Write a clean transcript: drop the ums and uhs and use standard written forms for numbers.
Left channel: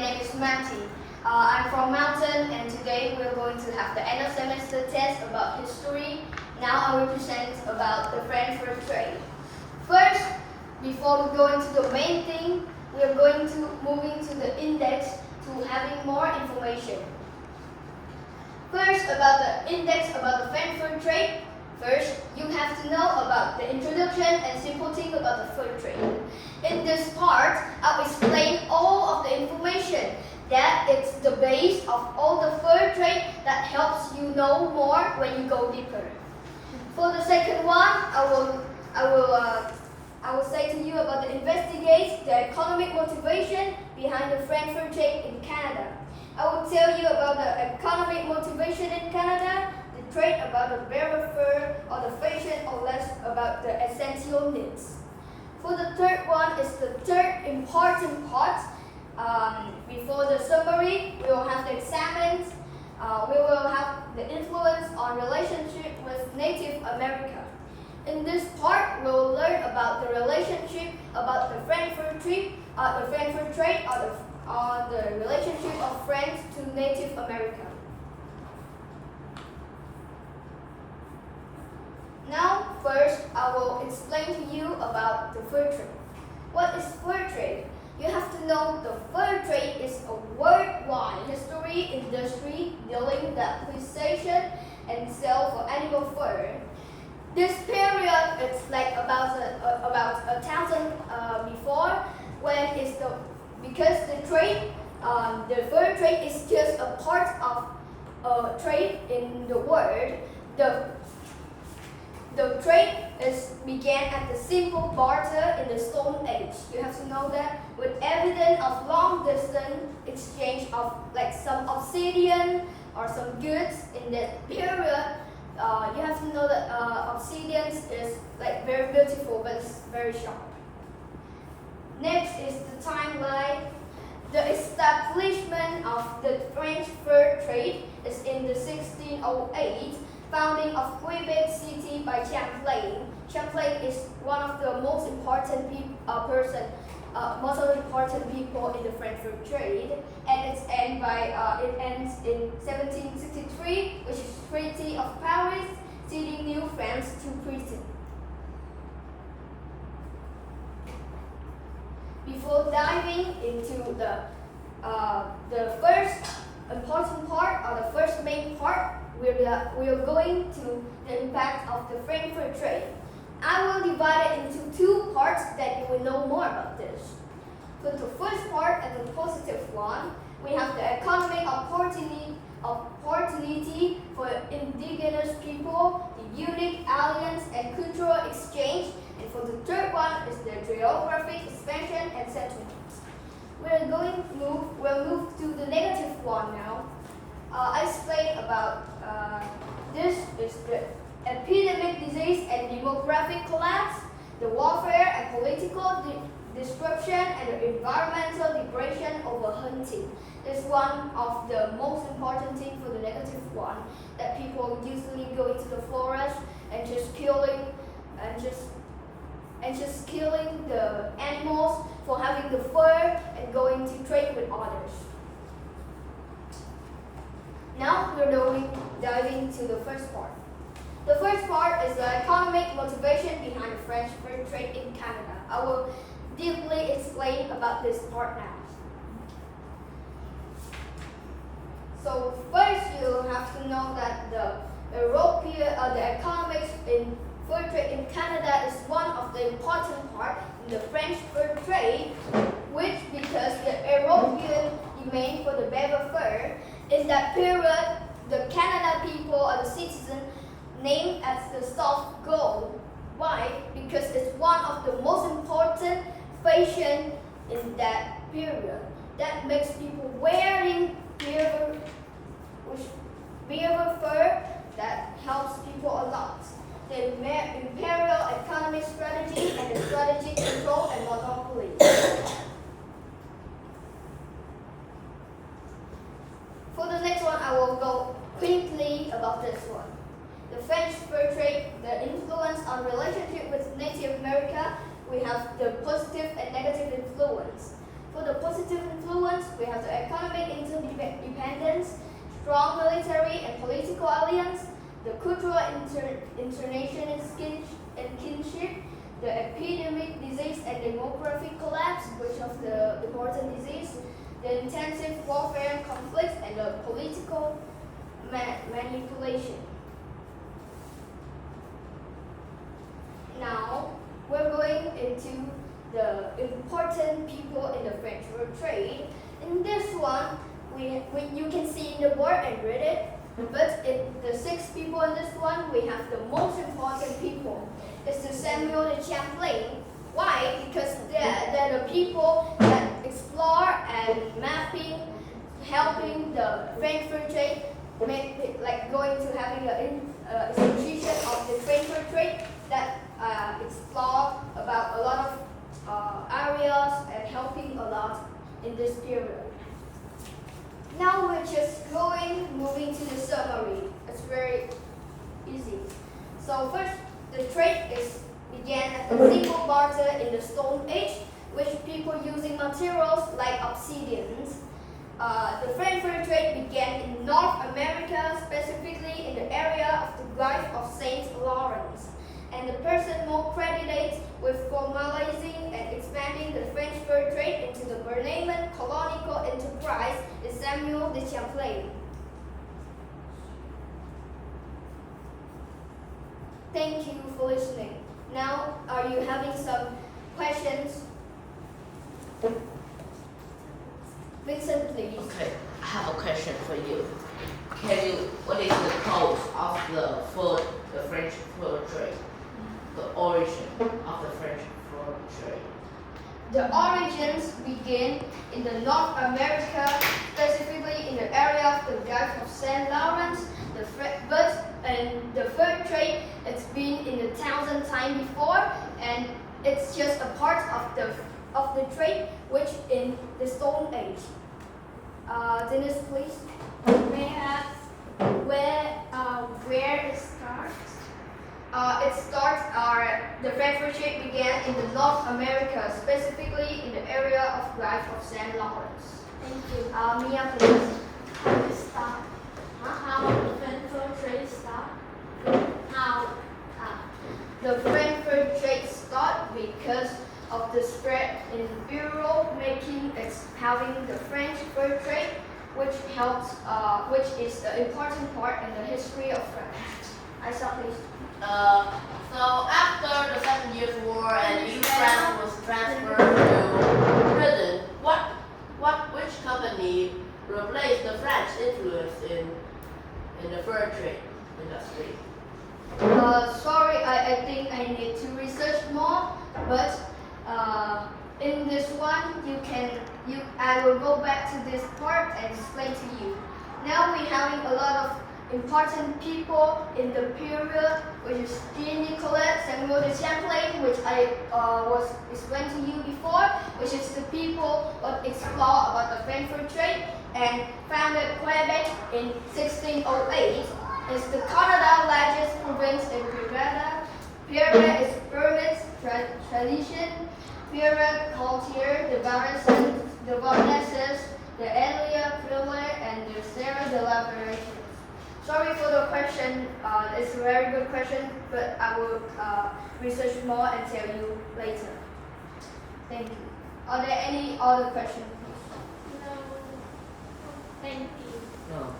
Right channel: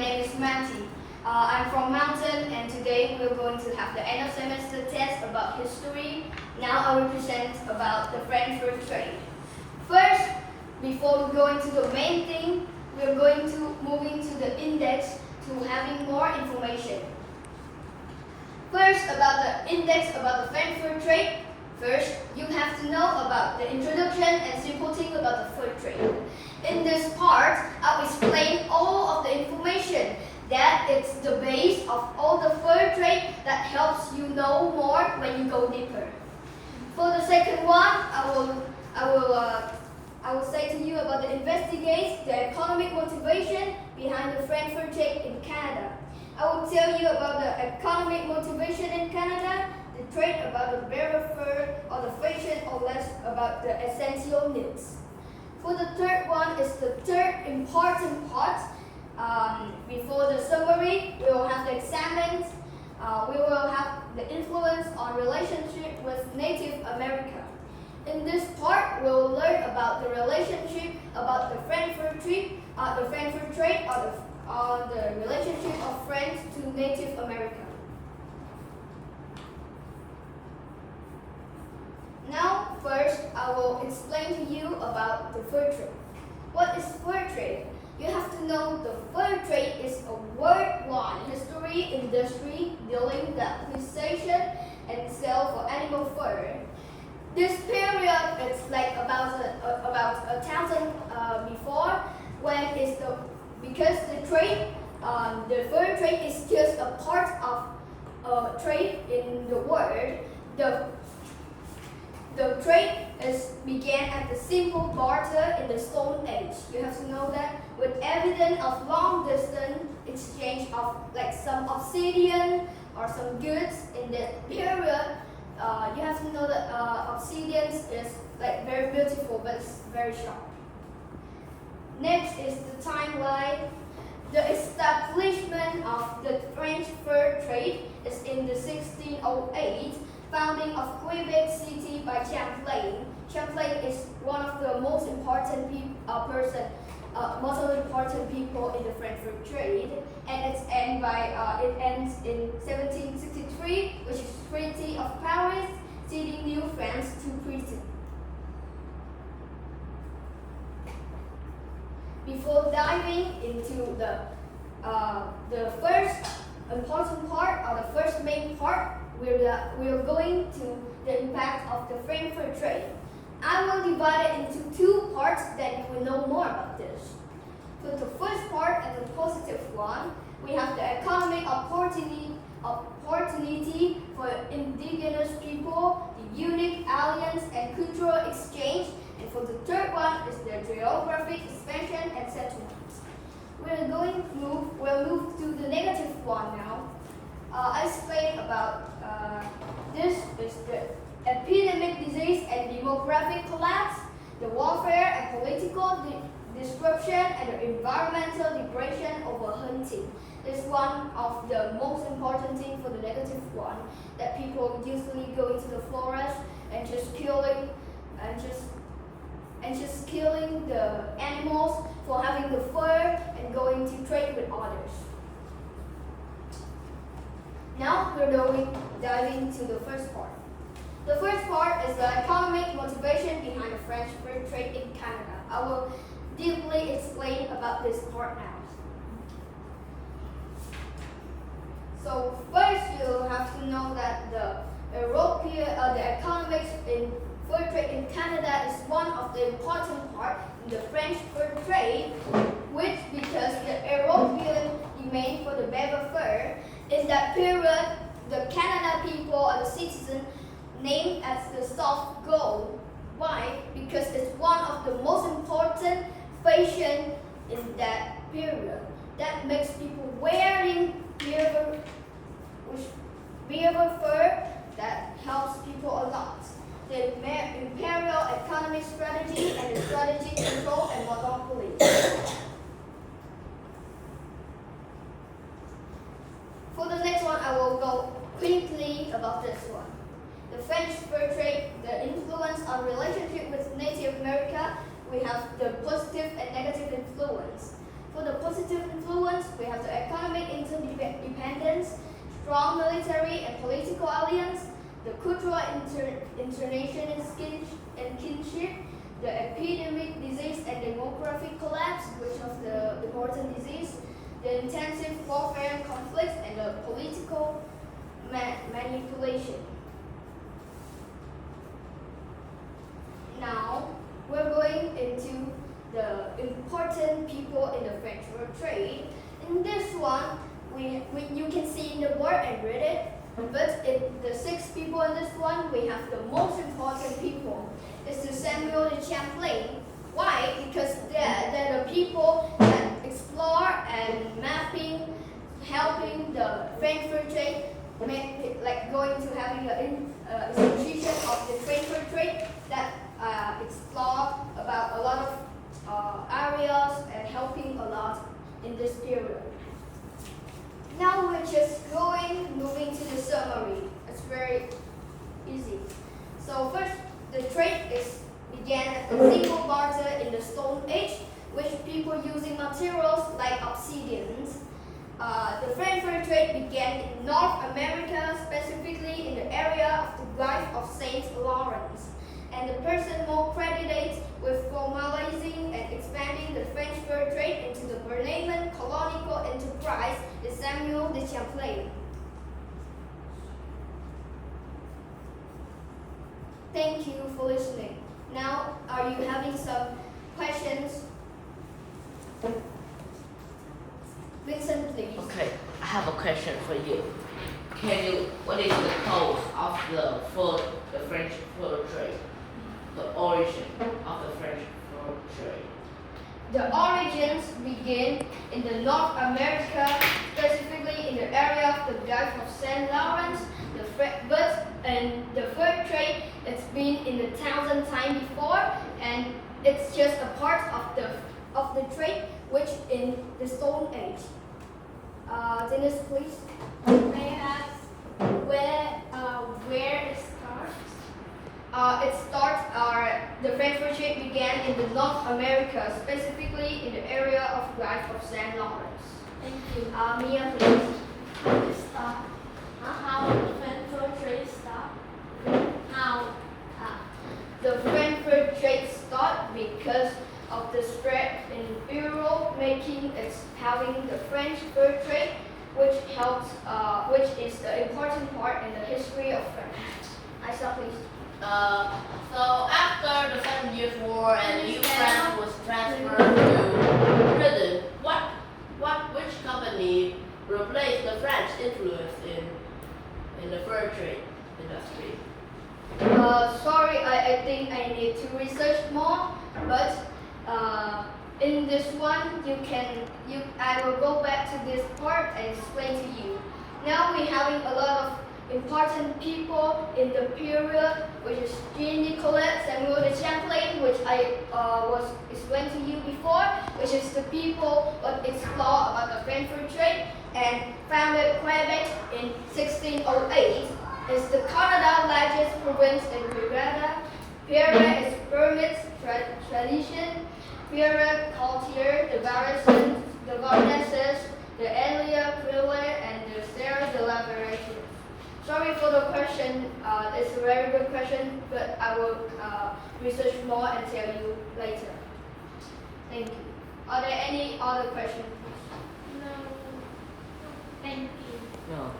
name is Matty. I'm from Mountain, and today we're going to have the end of semester test about history. Now I will present about the French fur trade. First, before we go into the main thing, we're going to moving to the index to having more information. First, about the index about the French fur trade. First, you have to know about the introduction and simple thing about the fur trade. In this part, I'll explain all of the information that it's the base of all the fur trade that helps you know more when you go deeper. For the second one, I will say to you about the investigate the economic motivation behind the French fur trade in Canada. I will tell you about the economic motivation in Canada, the trade about the bearer fur, or the fashion, or less about the essential needs. For the third one is the third important part. Before the summary, we will have the examined. We will have the influence on relationship with Native America. In this part, we will learn about the relationship about the French fur trade, or the relationship of French to Native America. Now, first, I will explain to you about the fur trade. What is fur trade? You have to know the fur trade is a worldwide industry dealing with the acquisition and sale for animal fur. This period is like about 1,000 before, when it's because the fur trade is just a part of trade in the world. The trade began at the simple barter in the Stone Age. You have to know that, with evidence of long distance exchange of like some obsidian or some goods in that period. You have to know that obsidian is like very beautiful, but it's very sharp. Next is the timeline. The establishment of the French fur trade is in the 1608. Founding of Quebec City by Champlain. Champlain is one of the most important people in the French fur trade, and it ends in 1763, which is Treaty of Paris, ceding New France to Britain. Before diving into the first important part, or the first main part, we are going to the impact of the French fur trade. I will divide it into two parts that you will know more about this. So the first part, and the positive one, we have the economic opportunity for indigenous people, the unique alliance and cultural exchange, and for the third one is the geographic expansion and settlement. We'll move to the negative one now. I explained about this is the epidemic disease and demographic collapse, the warfare and political disruption, and the environmental degradation over hunting. Is one of the most important things for the negative one, that people usually go into the forest and just killing the animals for having the fur and going to trade with others. Now we're diving to the first part. The first part is the economic motivation behind the French fur trade in Canada. I will deeply explain about this part now. So first, you have to know that the economics in fur trade in Canada is one of the important part in the French fur trade, which because the European demand for the beaver fur. In that period, the Canada people or the citizens named as the soft gold. Why? Because it's one of the most important fashion in that period. That makes people wearing beaver fur. That helps people a lot. The imperial economic strategy and the strategic control and monopoly. For the next one, I will go quickly about this one. The French fur trade, the influence on relationship with Native America, we have the positive and negative influence. For the positive influence, we have the strong military and political alliance, the cultural internation and kinship, the epidemic disease and demographic collapse, which of the important disease, the intensive warfare conflicts, and the political manipulation. Now, we're going into the important people in the French Fur Trade. In this one, you can see in the board and read it, but the 6 people in this one, we have the most important people. It's the Samuel de Champlain. Why? Because they're the people that explore and mapping, helping the French Fur Trade, like going to having an institution of the French Fur Trade that explore about a lot of areas and helping a lot in this period. Now we're just moving to the summary. It's very easy. So first, the trade began as a simple barter in the Stone Age, with people using materials like obsidians. The French Fur Trade began in North America, specifically in the area of the Gulf of St. Lawrence. And the person more credited with formalizing and expanding the French fur trade into the Bernaman colonial enterprise is Samuel de Champlain. Thank you for listening. Now, are you having some questions? Vincent, please. Okay, I have a question for you. What is the cause of the French fur trade? The origin of the French fur trade? The origins begin in the North America, specifically in the area of the Gulf of St. Lawrence. The fur trade, it's been in the 1,000 times before, and it's just a part of the trade, which in the Stone Age. Dennis, please. May I ask where it starts? The French fur trade began in the North America, specifically in the area of Gulf of St. Lawrence. Thank you. Mia, please. How the French fur trade start? How? The French fur trade started because of the spread in Europe, having the French fur trade, which is the important part in the history of France. Isa, please. So after the Second Years' War and New France was transferred to Britain, which company replaced the French influence in the fur trade industry? Sorry, I think I need to research more, but in this one, I will go back to this part and explain to you. Now we're having a lot of important people in the period, which is Jean Nicolet, Samuel de Champlain, which I was explained to you before, which is the people that explore about the French fur trade and founded Quebec in 1608. It's the Canada's largest province in Canada. Period is Burmese tradition. Period culture, the Varneses, the Elia Prille, and the Sarah de la Variation. Sorry for the question. It's a very good question, but I will research more and tell you later. Thank you. Are there any other questions? No. Thank you. No.